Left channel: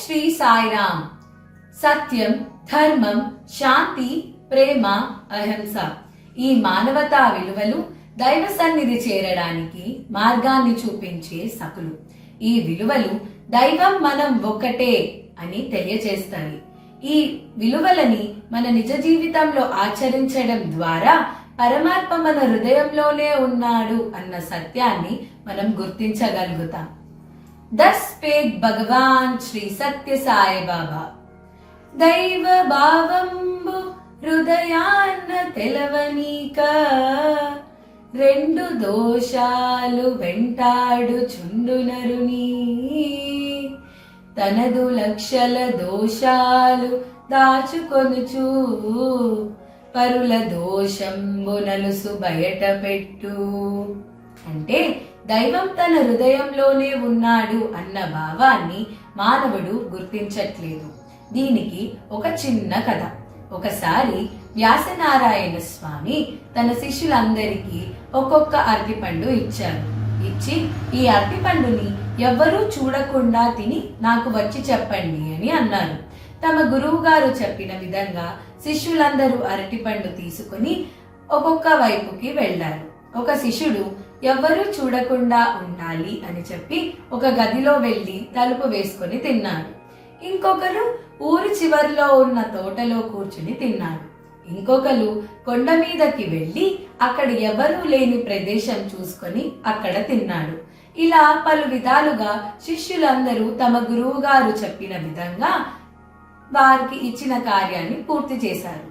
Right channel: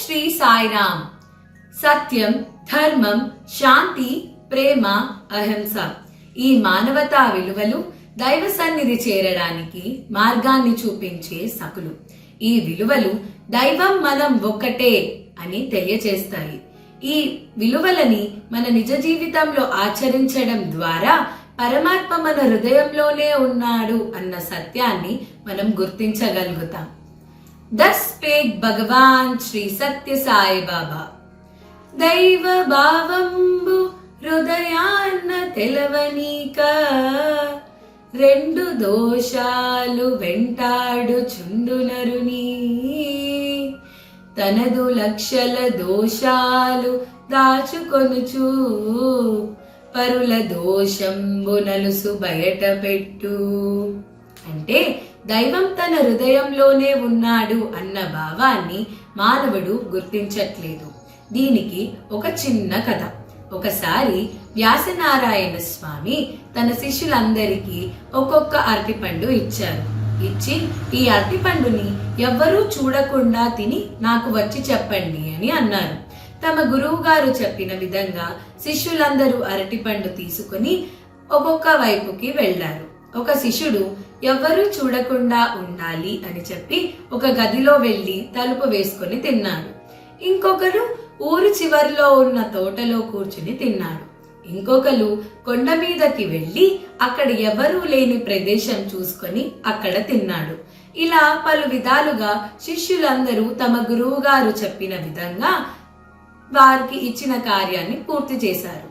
శ్రీ సాయిరామ్. సత్యం, ధర్మం, శాంతి, ప్రేమ, అహింస ఈ మానవతా విలువలు దైవ సన్నిధి చేరడానికి మార్గాన్ని చూపించే సకులు. ఈ విలువలు దైవం మనం ఒక్కటే అని తెలియజేస్తాయి. ఈ విలువలని మన నిజ జీవితంలో ఆచరించడం ద్వారా పరమాత్మ మన హృదయంలోనే ఉన్నాడు అన్న సత్యాన్ని మనం గుర్తించగలుగుతాం. దస్ స్పేక్ భగవాన్ శ్రీ సత్య సాయి బాబా. దైవ భావంబు హృదయాన్న తెలవనీక, రెండు దోషాలు వెంటాడుచుండు నరుని, తనదు లక్షల దోషాలు దాచుకొనుచు, పరుల దోషంబు నలుసు బయట పెట్టు. అంటే దైవం తన హృదయంలోనే ఉన్నాడు అన్న భావాన్ని మానవుడు గుర్తించట్లేదు. దీనికి ఒక చిన్న కథ. ఒకసారి వ్యాసనారాయణ స్వామి తన శిష్యులందరికీ ఒక్కొక్క అరటిపండు ఇచ్చారు. ఇచ్చి, ఈ అరటిపండుని ఎవ్వరూ చూడకుండా తిని నాకు వచ్చి చెప్పండి అని అన్నారు. తమ గురువు గారు చెప్పిన విధంగా శిష్యులందరూ అరటిపండు తీసుకుని ఒక్కొక్క వైపుకి వెళ్లారు. ఒక శిష్యుడు ఎవ్వరూ చూడకుండా ఉండాలి అని చెప్పి ఒక గదిలో వెళ్లి తలుపు వేసుకుని తిన్నాడు. ఇంకొకరు ఊరి చివరిలో ఉన్న తోటలో కూర్చుని తిన్నాడు. ఇంకొకరు కొండ మీదకి వెళ్లి అక్కడ ఎవరూ లేని ప్రదేశం చూసుకొని అక్కడ తిన్నాడు. ఇలా పలు విధాలుగా శిష్యులందరూ తమ గురువు గారు చెప్పిన విధంగా వారికి ఇచ్చిన కార్యాన్ని పూర్తి చేశారు.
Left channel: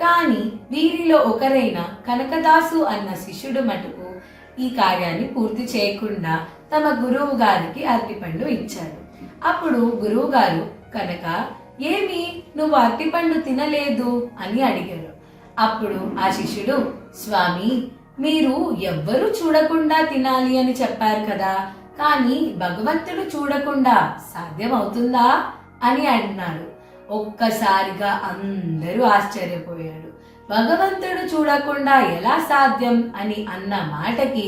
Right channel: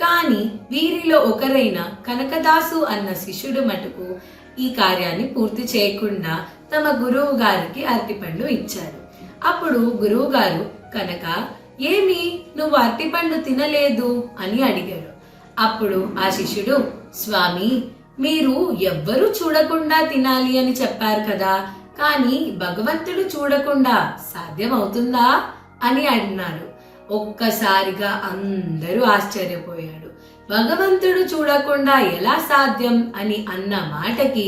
కానీ వీరిలో ఒకరైన కనకదాసు అన్న శిష్యుడు మటుకు ఈ కార్యాన్ని పూర్తి చేయకుండా తమ గురువు గారికి అరటిపండు ఇచ్చాడు. అప్పుడు గురువు గారు, కనక, ఏమి నువ్వు అరటిపండు తినలేదు అని అడిగాడు. అప్పుడు ఆ శిష్యుడు, స్వామి, మీరు ఎవ్వరూ చూడకుండా తినాలి అని చెప్పారు కదా, కానీ భగవంతుడు చూడకుండా సాధ్యమవుతుందా అని అన్నాడు. ఒక్కసారిగా అందరూ ఆశ్చర్యపోయాడు. భగవంతుడు చూడకుండా ఎలా సాధ్యం అని అన్న మాటకి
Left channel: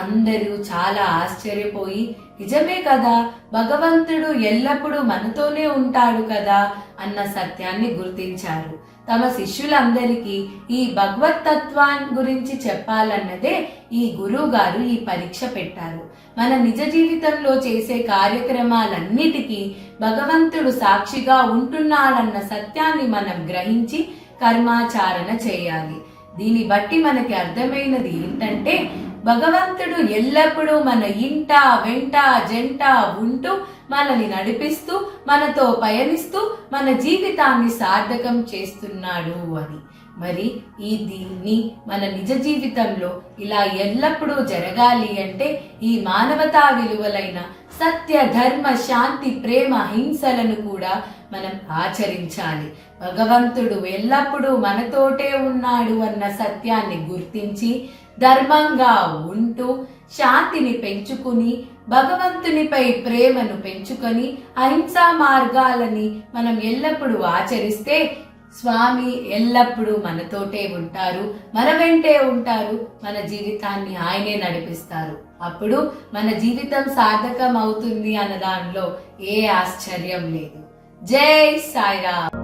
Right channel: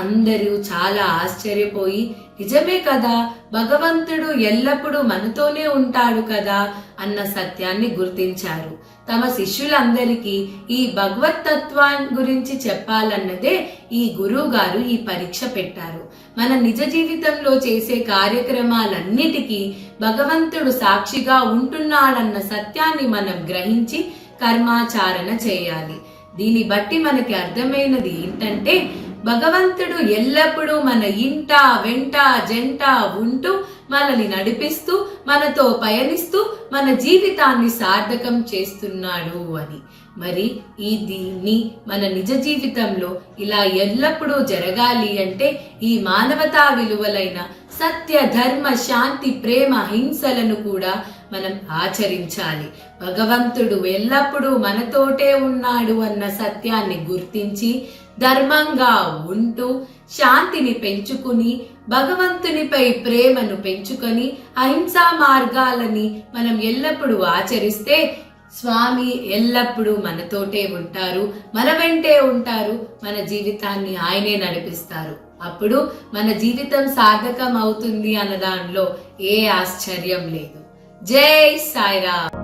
అందరూ చాలా ఆశ్చర్యపోయి, నిజమే కదా, భగవంతుడు ఎల్లప్పుడూ మనతోనే ఉంటాడు కదా అన్న సత్యాన్ని గుర్తించారు. తమ శిష్యులందరికీ ఈ భగవతత్వాన్ని గురించి చెప్పాలన్నదే ఈ గురువు గారు ఈ పరీక్ష పెట్టారు. మన నిజ జీవితంలో చేసే కార్యక్రమాలన్నిటికీ భగవంతుడు సాక్షిగా ఉంటున్నాడన్న సత్యాన్ని మనం గ్రహించి కర్మాచారణ చేయాలి. దీన్ని బట్టి మనకి అర్థమైనది ఏంటంటే, భగవంతుడు ఎల్లప్పుడూ మన ఇంట వెంట జంట ఉంటూ మనల్ని నడిపిస్తూ మనతో పయనిస్తూ మన జీవితాన్ని సార్థకం చేస్తున్నాడు అని. మరి దీన్ని మన నిజ జీవితంలో ఇలా ఎల్లప్పుడూ జరగాలి అంటే ఈ మానవతా విలువలైన సత్య, ధర్మ, శాంతి, ప్రేమ, హింసలను కూడా మనం ఆచరించాలి. భగవంతుడు ఎల్లప్పుడూ మనతోటే ఉన్నాడు అన్న సత్యాన్ని గుర్తించి ధర్మంగా ఉంటూ శాంతిని పెంచుకుని భగవంతునిపై ప్రేమను పెంచుకొని అహింసా మార్గాలని మనం ఎల్లప్పుడూ ఆచరిస్తే స్వామి ఎల్లప్పుడూ మనతోటే ఉంటారు, మన వెంటే ఉంటారు, మన జీవితాన్ని ఆయనే నడిపిస్తారు. అప్పుడు మన జీవితం సార్థకం అవుతుంది అన్న దానిలో ఏ ఆశ్చర్యం లేదు. జై సాయిరామ్.